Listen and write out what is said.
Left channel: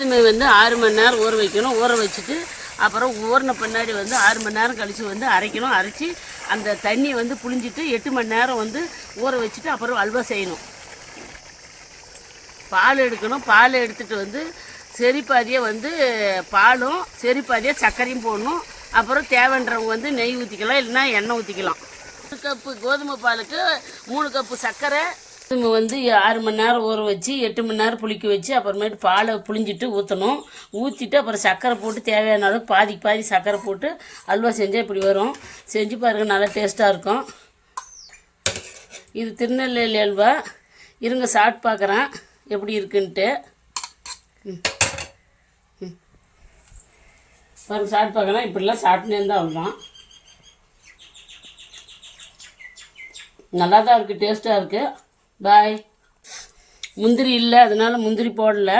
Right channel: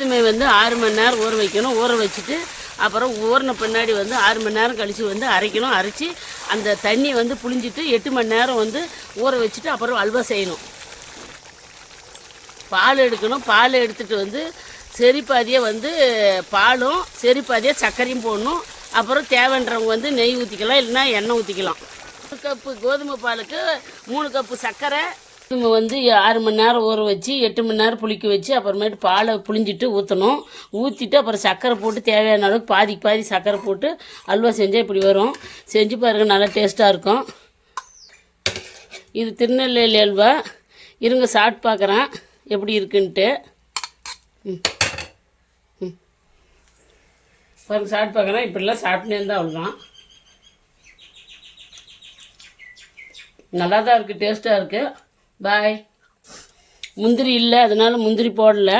கோதுமை வந்து 6 மணி நேரம் ஊற வைக்கணும். ஊற வச்சுட்டு அப்புறம் ஊறின பின்னாடி வந்து 6 மணி நேரம் கழித்து வந்து அரைக்கணும். அரைச்சி அந்த தண்ணி வந்து புழிஞ்சிட்டு 8 மணி நேரம் வந்து ஊற வச்சுட்டு அப்புறம் அல்வா செய்யணும். பால் எடுக்கணும். பால் எடுத்துகிட்டு வந்து செரிப்பாதியை வந்து பாலும் செரிப்பாதியை சர்க்கரையும் போடணும். அப்புறம் தேவைன்றவங்க வந்து நெய் ஊற்றிக்கலாம், இல்லைன்னா எண்ணெய் ஊற்றிக்கலாம். 1 கப்பு கோதுமை பாலுக்கு 3 கப்பு சர்க்கரை. கோதுமை வந்து 6 மணி நேரம் ஊற வச்சு 8 மணி நேரம் புளிக்க வச்சு அப்புறமேட்டு பாலை புளிஞ்சிட்டு ஊற்றணும். ஊற்றிட்டு அப்புறம் சர்க்கரை போட்டு தேவையான அளவுக்கு பாதிக்கு பாதி சர்க்கரை போட்டு அல்வா செஞ்சால் இப்படி வரும். செஞ்சு பாருங்கள், நல்லா டேஸ்ட்டாக இருக்கும். இது திருநெல்வேலி அல்வா. இருங்க சாப்பிட்டு பார்க்குறேன் எப்படி இருக்குன்ட்டு. பாருங்க, சாப்பிட்டு பார்க்குறேன். இப்படிலாம் சாப்பிட்டுனே இருந்தால் அவ்வளோதான். நல்லா தான் இருக்குது, டேஸ்ட்டாக இருக்குது. பாய். முந்திரி இல்லை, அதனால் முந்திரி போடலை.